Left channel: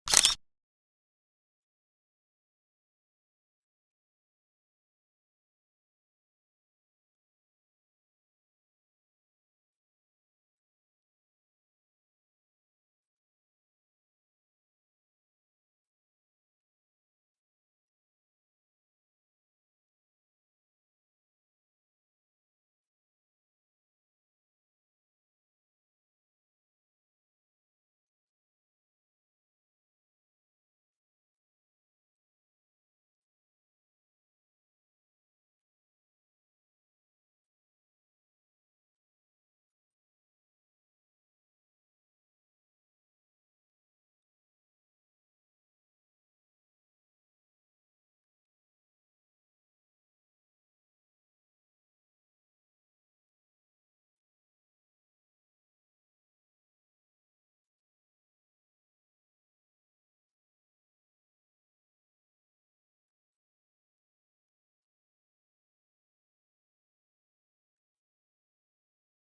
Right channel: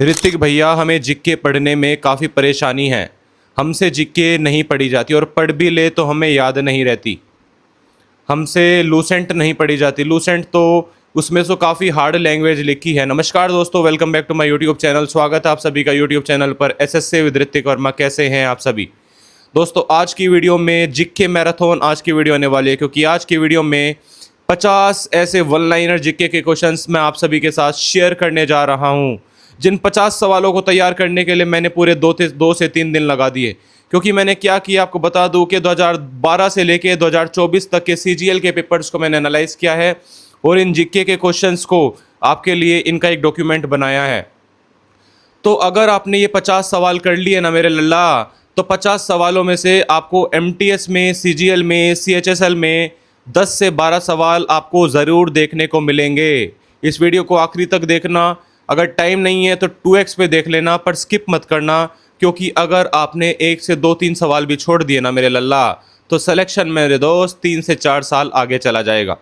ऋतिक भैया, हमें जीके पढ़ने में काफ़ी परेशानी है। हमसे जीके नहीं पढ़ी जाती और पढ़ भी ले तो हमें याद नहीं रहती। हमसे लूसेंट नहीं पढ़ी जाती। लूसेंट तो उसमें तो काफ़ी हार्ड लैंग्वेज लिखी है। नमस्कार दोस्तों, welcome back to my YouTube channel. स्वागत है आप सभी का यूट्यूब चैनल पर एसएससी विद ऋतिक वर्मा। कैसे हैं आप सभी दोस्तों? आज की वीडियो में जीके मैराथन आज की वीडियो आने वाली है, क्योंकि आज की वीडियो में 50 ऐसे वन लाइनर जीके के क्वेश्चंस मैं आप सभी के साथ शेयर करने जा रहा हूं। जिन 50 सवालों को तैयार करने के लिए मैंने पूरे दो से तीन दिन लगा दिए, क्योंकि मैंने क्या किया आपको बता दूं कि 2012 से लेके 2024 तक के सीजीएल के पेपर्स को मैंने एनालाइज किया है और इन जीके के क्वेश्चंस को आपके लिए इनका एक डॉक्यूमेंट बनाया है। तो अगर आपने ये 50 सवाल कर लिए ना मेरे लल्ला, तो 50 सवालों में से आपको एमटीएस में, सीजीएल में, सीएचएसएल में 10 से 12 सवाल आपको ज़रूर देखने को मिलेंगे। इस वीडियो को आखिरी तक देखना। अगर टाइम नहीं है तो 2x पे देख लेना, पर स्किप मत करना, क्योंकि अगर आपने एक से दो तीन सवाल भी छोड़ दिए ना मेरे लल्ला, तो सिलेक्शन मेरे दोस्त 3 से 4 साल आगे चला जाएगा।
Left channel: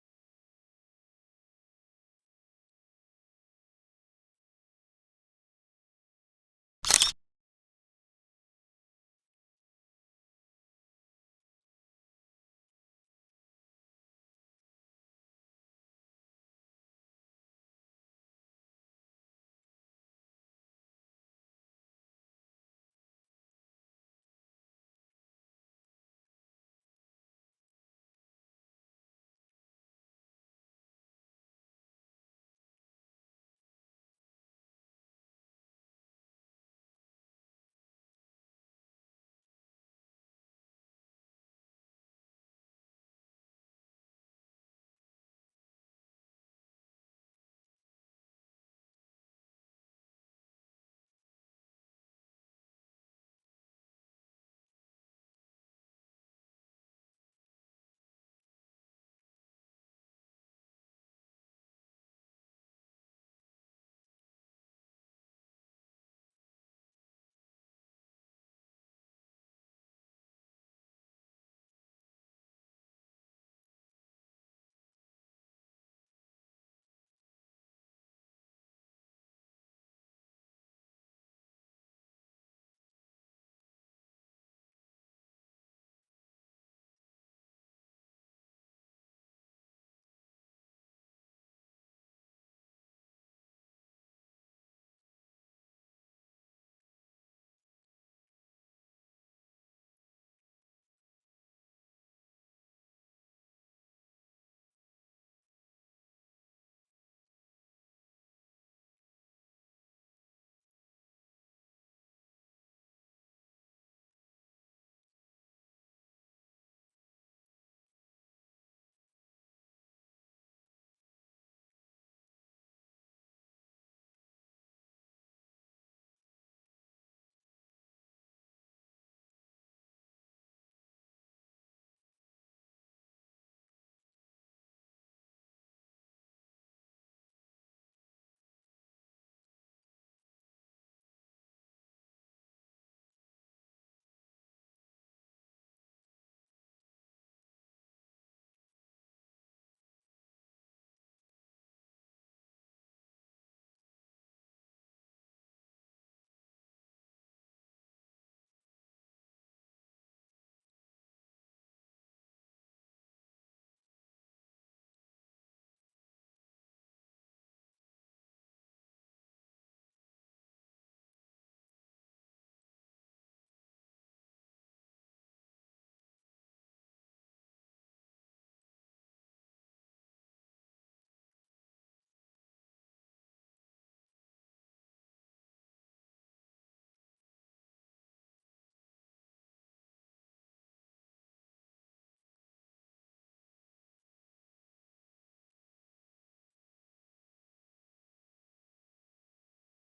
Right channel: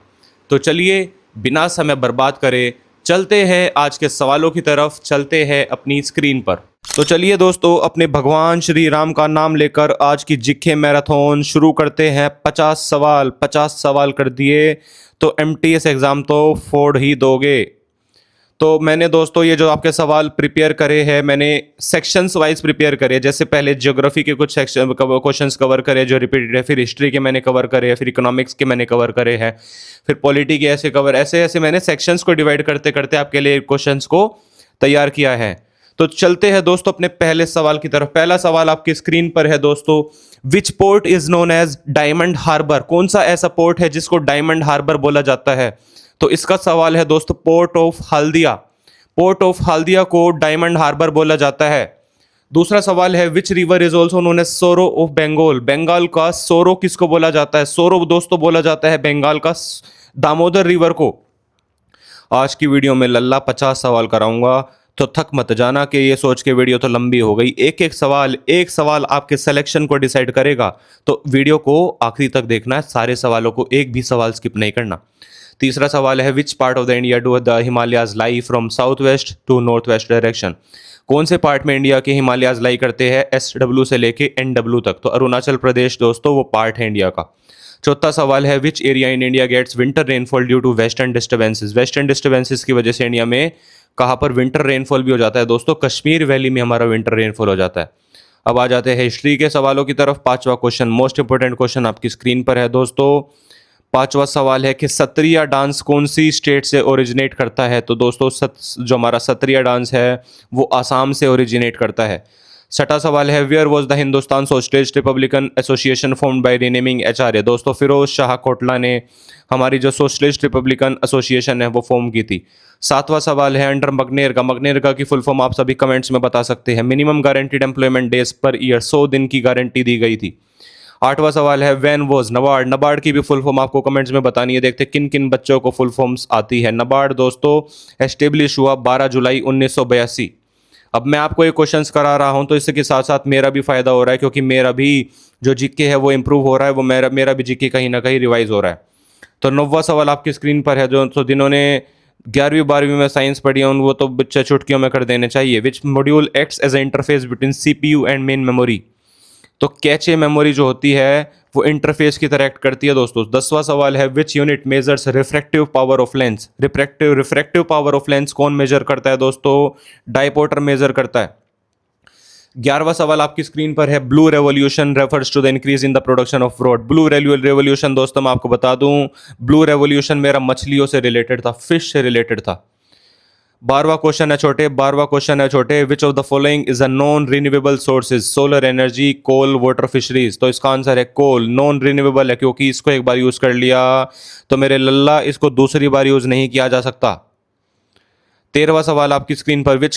तो चलिए बिना समय बर्बाद करे चलते हैं आज के सवालों की तरफ, चलते हैं अपनी स्क्रीन पर। तो चलिए दोस्तों, अपने भगवान श्री राम का नाम लेकर आज की जीके मैराथन शुरू करते हैं। 50 सवाल कर दिए तो एमटीएस एग्ज़ाम तो फोड़ ही दोगे। तो मैंने दोस्तों ये जो आपके सवाल प्रिपेयर करे हैं, मैंने सेक्शंस वाइज प्रिपेयर करे। जैसे पहले ज्योग्राफी के कुछ सेक्शन क्वेश्चंस कवर करे जो रिपीटेड है, फिर हिस्ट्री के मैंने कवर करे हैं, फिर इकोनॉमिक्स के मैंने कवर करे हैं, फिर पॉलिटी के ऐसे कवर, ऐसे ऐसे मैंने सेक्शंस को डिवाइड करते करते आपके लिए क्वेश्चंस को तैयार किया है। तो चलते हैं दोस्तों अपने पहले सवाल की तरफ। पहला सवाल आपकी स्क्रीन पर है दोस्तों। Which port is known as diamond harbour? कौन सा ऐसा पोर्ट है जिसको डायमंड हार्बर बोला जाता है? तो इसका सवाल है दोस्तों, port of Haldia. Port of Haldia को डायमंड हार्बर बोला जाता है। दूसरा सवाल है, which river is also known as sorrow of Bengal? Bengal का सोरो किसको बोला जाता है? सोरो दोस्तों बोला जाता है बंगाल का दामोदर रिवर को। आज की वीडियो में लल्ला 50 सवाल कराऊंगा, तो थक मत जाना कि ये सोच के वीडियो तो लंबी हो गई। एक सवाल आपके सिलेक्शन को डिसाइड करेगा, तो वीडियो को आखिरी तक देखना है, सारे सवालों को, एक भी सवाल स्किप नहीं करना। तीसरा सवाल है, which part of the India do the Himalayas lie from south west to north west direction? कौन से पार्ट में इंडिया के हिमालयाज लाई करते हैं SW से लेके NW तक? तो अरुणाचल प्रदेश दोस्तों वो पार्ट है इंडिया का। चौथा सवाल है, which area in India gets winter rainfall due to western disturbances? Western disturbances की वजह से इंडिया में कहाँ पर विंटर रेनफॉल भी हो जाता है दोस्तों? कश्मीर वैली में हमारा विंटर रेनफॉल हो जाता है। अब आ जाते हैं हिस्ट्री के सवालों की तरफ। पांचवा क्वेश्चन, मोस्ट इंपोर्टेंट क्वेश्चन आपकी स्क्रीन पर है दोस्तों। पांचवा सवाल है कि सत्रिया डांस कौन सी स्टेट से ओरिजिनेट करता है? तो दोस्तों जो हमारा सत्रिया डांस है वो आसाम से ओरिजिनेट करता है। छठा सवाल है, where was the Hindustan socialist republican association formed by renaming HRA? दोस्तों फिरोज शाह कोटला ने हमारी जो सोशलिस्ट रिपब्लिकन एसोसिएशन है वो फॉर्म की थी। सातवां सवाल है, अंडर मगनेरका, मगनेरका की फुल फॉर्म आप सभी कमेंट्स में बता सकते हैं। Minimum guaranteed employment days per year, 100 दिन की गारंटी दी गई थी। आठवां सवाल है, व्हेन वॉज नबार्ड? नबार्ड की भी फुल फॉर्म आपको कमेंट्स में बतानी है। देखते किन किन बच्चों को फुल फॉर्म्स आती है। नबार्ड दोस्तों एस्टेब्लिश हुआ 12 जुलाई 1982। अब मैं आपको ये क्वेश्चंस करा रहा हूं तो इसके साथ साथ मेरा भी फायदा हो रहा है, क्योंकि मेरा भी जो जीके है वो इंप्रूव हो रहा है, वो मेरा भी जीके कहीं ना कहीं रिवाइज हो रहा है। तो 9वां सवाल आपकी स्क्रीन पर है। जो तो जिन्होंने 11वीं 12वीं में साइंस पढ़ी है वो तो बच्चे चुटकियों में कर देने चाहिए। Which module acts as a interface between CPU and main memory? तो कैचे मेमोरी जो होती है वो इंटरफेस की तरह एक्ट करती है दोस्तों। 10वां सवाल है, which unit measures refractive power of lens? Refractive power of lens कौन मेजर करता है दोस्तों? डायपोटर मेजर करता है। 11वां सवाल आपकी स्क्रीन पर है, blue revolution refers to the increase in the production of fruit? Blue revolution दोस्तों मैं आपको बता दूं, ब्लू रेवोल्यूशन मेरा मछलियों से रिलेटेड था, फिश से रिलेटेड था। 12वां क्वेश्चन है छोटे, which of the following is a non renewable sources? Solar energy, coal, water, fisheries? तो इसका आंसर है कोल। नॉन रिन्यूएबल है क्योंकि इसको एक बार यूज कर लिया तो मेरे लल्ला इसको दूसरी बार यूज नहीं किया जा सकता। 13वां सवाल आपकी स्क्रीन पर, which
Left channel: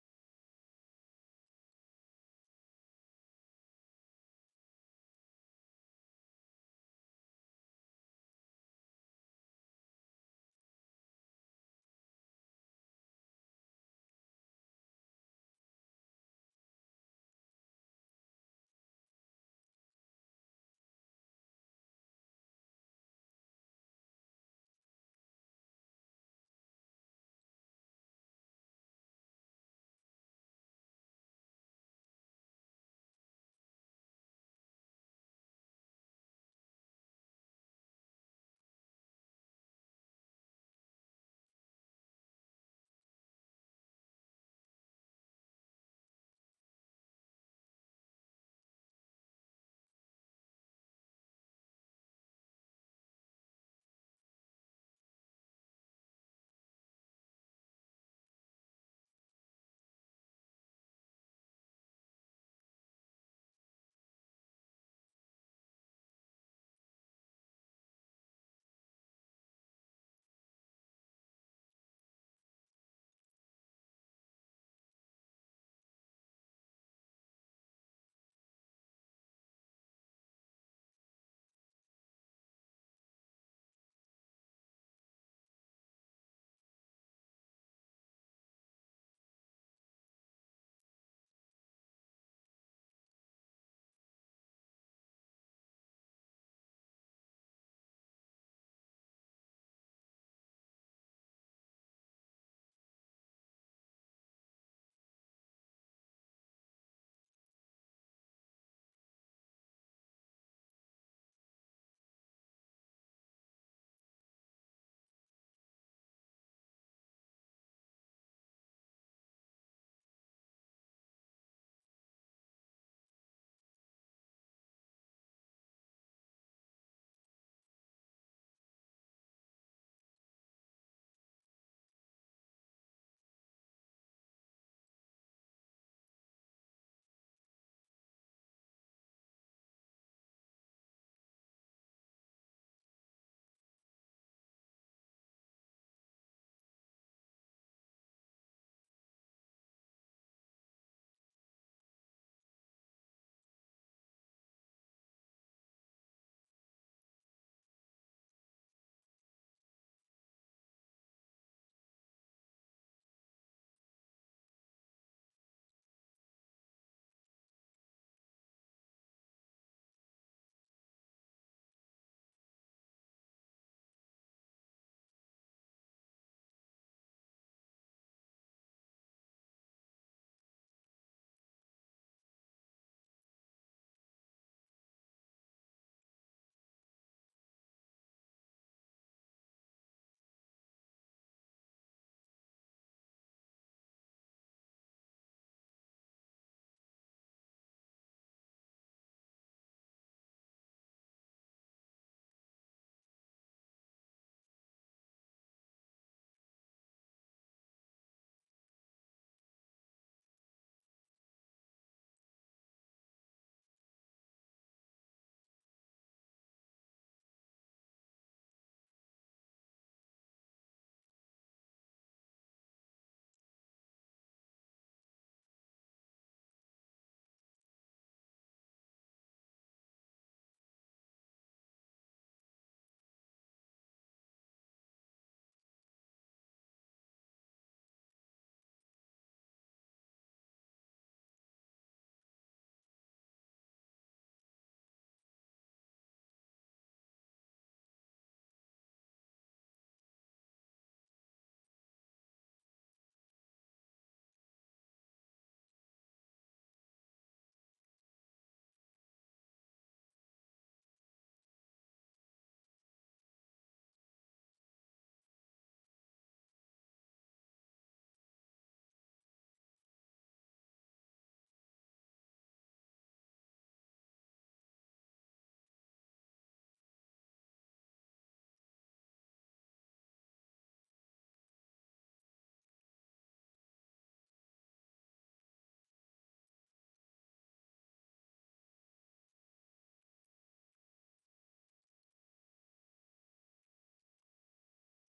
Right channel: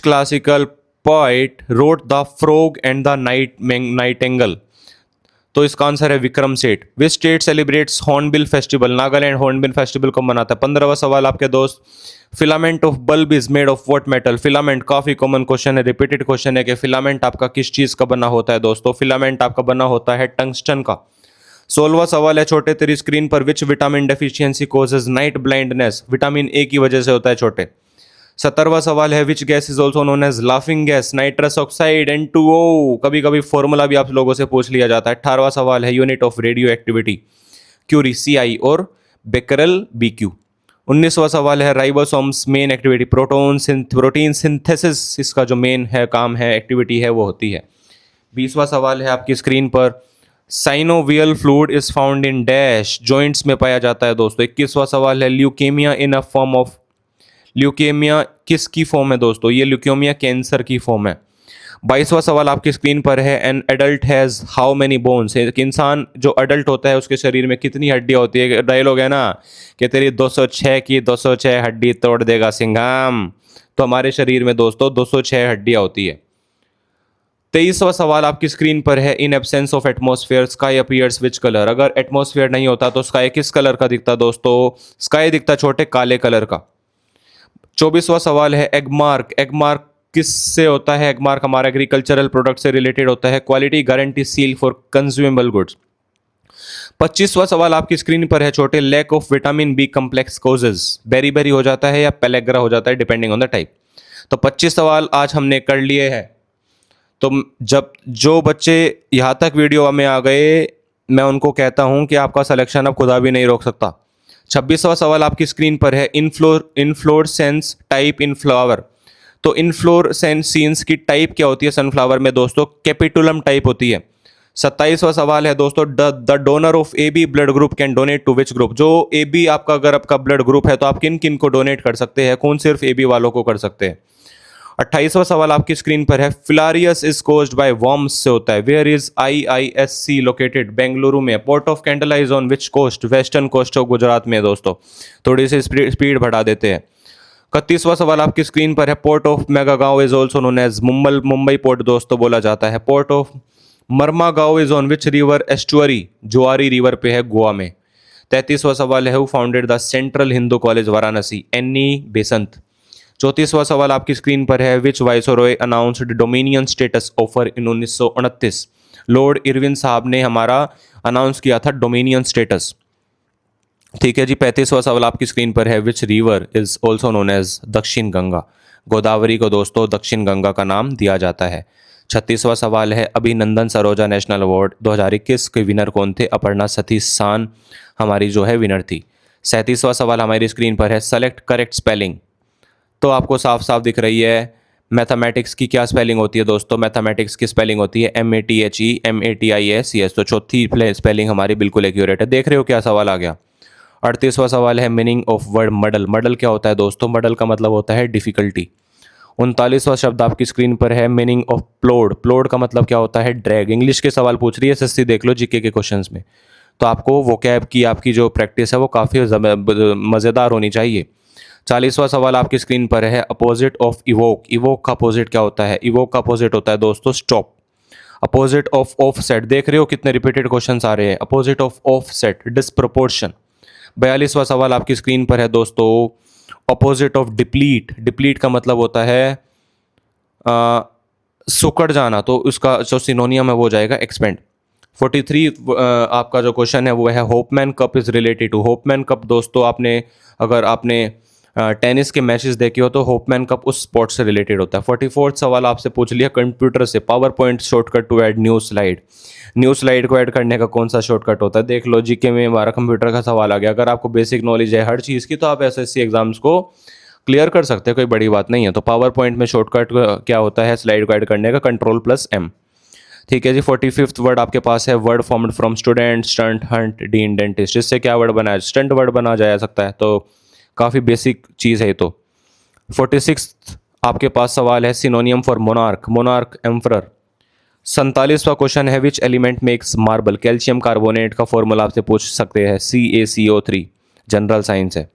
classical poet wrote the frog and the Nightingale? तो इसका आंसर है Vikram Seth. Which state celebrates hornbill festival? Nagaland hornbill festival को मनाता है। 15वां सवाल आपके दोस्त, filament of bulb is made of what metal? Filament काफी कॉमन क्वेश्चन है, रिपीटेड क्वेश्चन है कि फिलामेंट आपका किस चीज का बना होता है दोस्तों? फिलामेंट आपका बना होता है टंगस्टन का। 16वां सवाल है छोटे तेरी स्क्रीन पर, which vitamin deficiency causes night blindness? Vitamin A की वजह से होता है छोटे। 17वां सवाल है which gas is also known as laughing gas? Nitrous oxide N2O। कभी कभी फॉर्मूला भी आप लोगों से पूछ लिया जाता है। 18वां सवाल है unit of radioactivity? Curie CI और बेकरल BQ। 19वां सवाल है ribosomes main activity? Protein synthesis इसका जो मेन है काम है एक्टिविटी है वो होती है। 20वां सवाल है आपकी स्क्रीन पर, synovial fluid is found in dash? Joints में पाया जाता है दोस्तों। 21वां सवाल है leukaemia in a form of? Leukaemia किसकी फॉर्म है दोस्तों? ये ल्यूकेमिया कैंसर की फॉर्म है। 22वां सवाल आपकी स्क्रीन पर है an adult has how many bones? एक इंसान जो अडल्ट होता है उसके शरीर में कितनी हड्डियां होती है? डायलॉग है ना कि तेरी 206 की 206 हड्डी तोड़ देगा सिंघाम। तो हमारे शरीर में दोस्तों 206 हड्डियां होती है। 23वां सवाल आपकी स्क्रीन पर है in absence of atmosphere sky appears which colour? अगर एटमॉस्फेयर नहीं होता तो स्काई किस कलर का दिखता दोस्तों? स्काई दिखता छोटे काले कलर का। 24वां सवाल है एगमार्क? एगमार्क किससे होता है? एगमार्क हमारा एग्रीकल्चरल प्रोडक्ट से रिलेटेड होता है। Quality guarantee seal for consumable goods. 25वां सवाल आपकी स्क्रीन पर है छोटे, lack of vitamin B complex causes? Beriberi हो जाता है या पेलेग्रा हो जाता है डिपेंडिंग ऑन द टाइप। तो 25 सवाल आज हमने कर लिए हैं। तो जब जो बच्चे यहाँ तक वीडियो में आ गए मैं उनको कहता हूँ कि आपका सिलेक्शन अब खुदा भी नहीं रोक सकता। 26वां सवाल आपकी स्क्रीन पर है इनफ्लोरेसेंस टाइप इन फ्लावर? तो इनफ्लोरेसेंस की टाइप क्या होती है सनफ्लावर में दोस्तों? कैपिटुलम टाइप होती है। 27वां सवाल है दोस्तों, the donor of AB blood group can donate to which group? जो AB आपका अगर आपका ब्लड ग्रुप है तो आप किन किन को डोनेट कर सकते हैं? कौन सिर्फ AB वालों को कर सकते हैं? 28वां सवाल आपकी स्क्रीन पर है, filariasis is caused by worms से होता है। Where is IISC located? Bengaluru में। Port of Kandla is on which coast? Western coast of Gujarat में दोस्तों। थोड़ी सी स्पीड बढ़ा देते हैं। 31वां सवाल आपकी स्क्रीन पर है, port of Mormugao is also known as? Mumbai port दोस्तों बोला जाता है। Port of Mormugao is on which river estuary? Zuari river पे है गोवा में। 33वां सवाल है, who founded the Central Hindu College Varanasi? NE Besant. 34वां सवाल आपकी स्क्रीन पर है, which viceroy announced dominion status offer in 1929? Lord Irwin साहब ने हमारा अनाउंस किया था डोमिनियन स्टेटस। ठीक है जी। 35वां सवाल आपकी स्क्रीन पर है, which river is also known as Dakshin Ganga? Godavari को दोस्तों दक्षिण गंगा का नाम दिया जाता है। 36वां सवाल है, अभिनंदन सरोजा नेशनल अवार्ड 2021 के विनर कौन थे? अपर्णा सतीश सान हमारी जो है विनर थी। 37वां सवाल हमारी स्क्रीन पर है, सेलेक्ट करेक्ट स्पेलिंग? तो आपको साफ साफ दिख रही है। मैथमेटिक्स की क्या स्पेलिंग होती है दोस्तों? मैथमेटिक्स की स्पेलिंग होती है MATHE MATIS। तो चौथी स्पेलिंग हमारी बिल्कुल एक्यूरेट है। देख रहे हो क्या सवाल आ गया। 38वां सवाल है, मीनिंग ऑफ वर्ड मडल? मडल क्या होता है दोस्तों? मडल का मतलब होता है डिफिकल्टी। 39वां शब्द आपकी स्क्रीन पर है, मीनिंग ऑफ प्लोड? प्लोड का मतलब क्या होता है? ड्रैग। इंग्लिश के सवाल पूछ रही है SSC, देख लो जीके के क्वेश्चंस में। तो आपको वोकैब की आपकी जो प्रैक्टिस है वो काफ़ी मज़ेदार होनी चाहिए। 40वां सवाल आपकी स्क्रीन पर है, अपोजिट ऑफ इवोक? इवोक का अपोजिट क्या होता है? इवोक का अपोजिट होता है दोस्तों स्टॉप। Opposite of offset? देख रहे हो कितने रिपीटेड क्वेश्चंस आ रहे हैं। Opposite of offset disproportion. 42वां सवाल आपकी स्क्रीन पर है दोस्तों, अपोजिट ऑफ डिप्लीट? डिप्लीट का मतलब होता है सुकड़ जाना, तो उसका जो सिनोनियम है वो हो जाएगा एक्सपेंड। 43 आपका जो क्वेश्चन है वो है, Hopman cup is related to? Hopman cup दोस्तों आपने अगर आपने टेनिस के मैचेस देखे हो तो होपमैन कप उस स्पोर्ट से रिलेटेड होता है। 44वां सवाल आपसे पूछ लिया कंप्यूटर से, PowerPoint shortcut to add new slide? New slide को ऐड करने का कौन सा शॉर्टकट होता है? देख लो जीके में हमारा कंप्यूटर का सवाल आ गया। अगर आपको बेसिक नॉलेज है हर चीज़ की तो आप SSC एग्जाम्स को क्लियर कर सकते हैं, कोई बड़ी बात नहीं है। तो पावर पॉइंट में शॉर्टकट क्या होता है स्लाइड को ऐड करने का? Ctrl+M। ठीक है जी। 45वां वर्ड आपके पास है, word formed from student stunt Hunt dean dentist? इससे क्या वर्ड बनाया? स्टंट वर्ड बना जा सकता है। तो काफ़ी बेसिक चीज़ है। तो 46 आपके पास सवाल है, synonym for monarch? Monarch emperor. 47वां क्वेश्चन है, which element makes marble? Calcium carbonate का फॉर्मूला आपसे पूछ सकते हैं, CaCO3। जनरल साइंस है।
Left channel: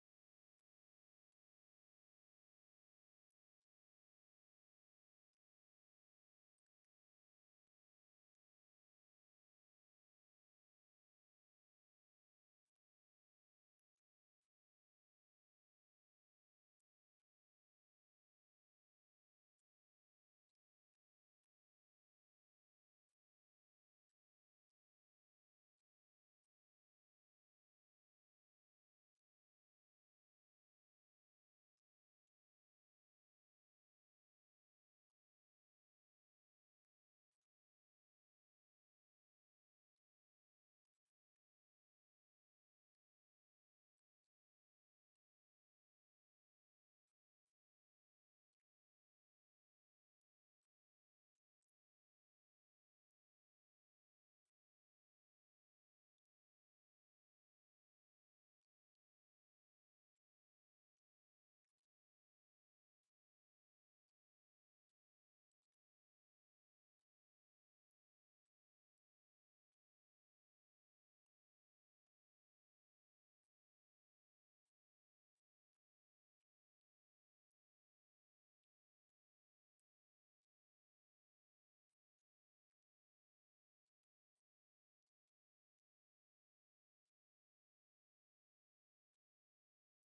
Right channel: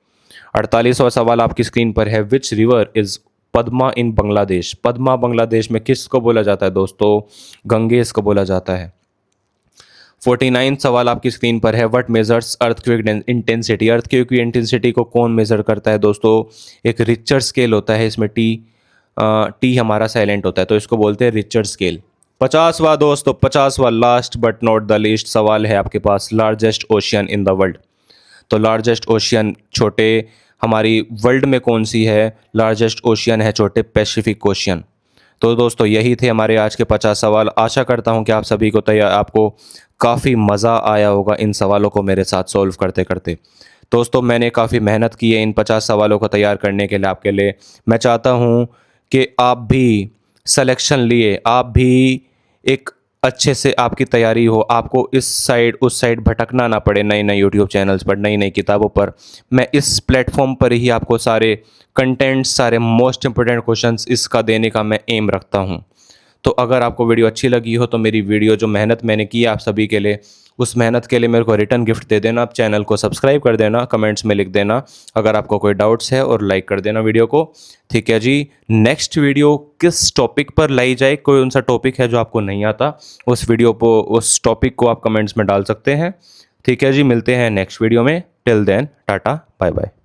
48वां सवाल आपकी स्क्रीन पर है, विच रिवर इज पद्मा इन बांग्लादेश? पद्मा बांग्लादेश में किसको बोला जाता है दोस्तों? गंगेस को बोला जाता है। 49 सवाल आपकी स्क्रीन पर है, what measures earthquake intensity? Earthquake की इंटेंसिटी को कौन मेजर करता है दोस्तों? एक रिचर स्केल होता है, इसमें टी हमारा साइलेंट होता है तो इसको बोलते हैं रिचर स्केल। 50वां दोस्तों, 50वां last but not the least सवाल है आपके पास, largest ocean in the world. तो लार्जेस्ट ओशियन छोटे हमारी वर्ल्ड में कौन सी है? लार्जेस्ट ओशियन है छोटे पैसिफिक ओशियन। तो दोस्तों यही थे हमारे आज के 50 सवाल। आशा करता हूँ कि आप सभी को आपको काफ़ी मज़ा आया होगा इन सवालों को मेरे साथ सॉल्व करते करते। दोस्तों मैंने काफ़ी मेहनत की है इन 50 सवालों को तैयार करने के लिए आपके लिए। मैं चाहता हूँ कि आप भी सिलेक्शन लिए, आप भी एक अच्छे से आपकी तैयारी हो, आपको इस साइड उस साइड भटकना ना पड़े नए नए यूट्यूब चैनल्स पर, नई नई किताबों पर। मैं इस प्लेटफॉर्म पर ही आपको सारे कंटेंट्स, सारे मोस्ट इंपॉर्टेंट क्वेश्चंस इसका देने का मैं एम रखता हूँ। तो अगर आपको वीडियो अच्छी लगी हो तो मेरी वीडियो जो मेहनत मैंने की है आप सभी के लिए, उस मेहनत के लिए मेरे को रिटर्न गिफ्ट दे देना। आप चैनल को सब्सक्राइब कर देना, कमेंट्स में लिख देना अगर आपको कोई डाउट्स है, और लाइक कर देना वीडियो को। ठीक है जी। नेक्स्ट वीडियो किस टॉपिक पर लाई जाए, कोई उनसा टॉपिक है जो आपको नहीं आता, उस वीडियो को, उस टॉपिक को आप कमेंट्स में डाल सकते हैं। ठीक है जी, मिलते हैं नेक्स्ट वीडियो में। Till then tata bye bye.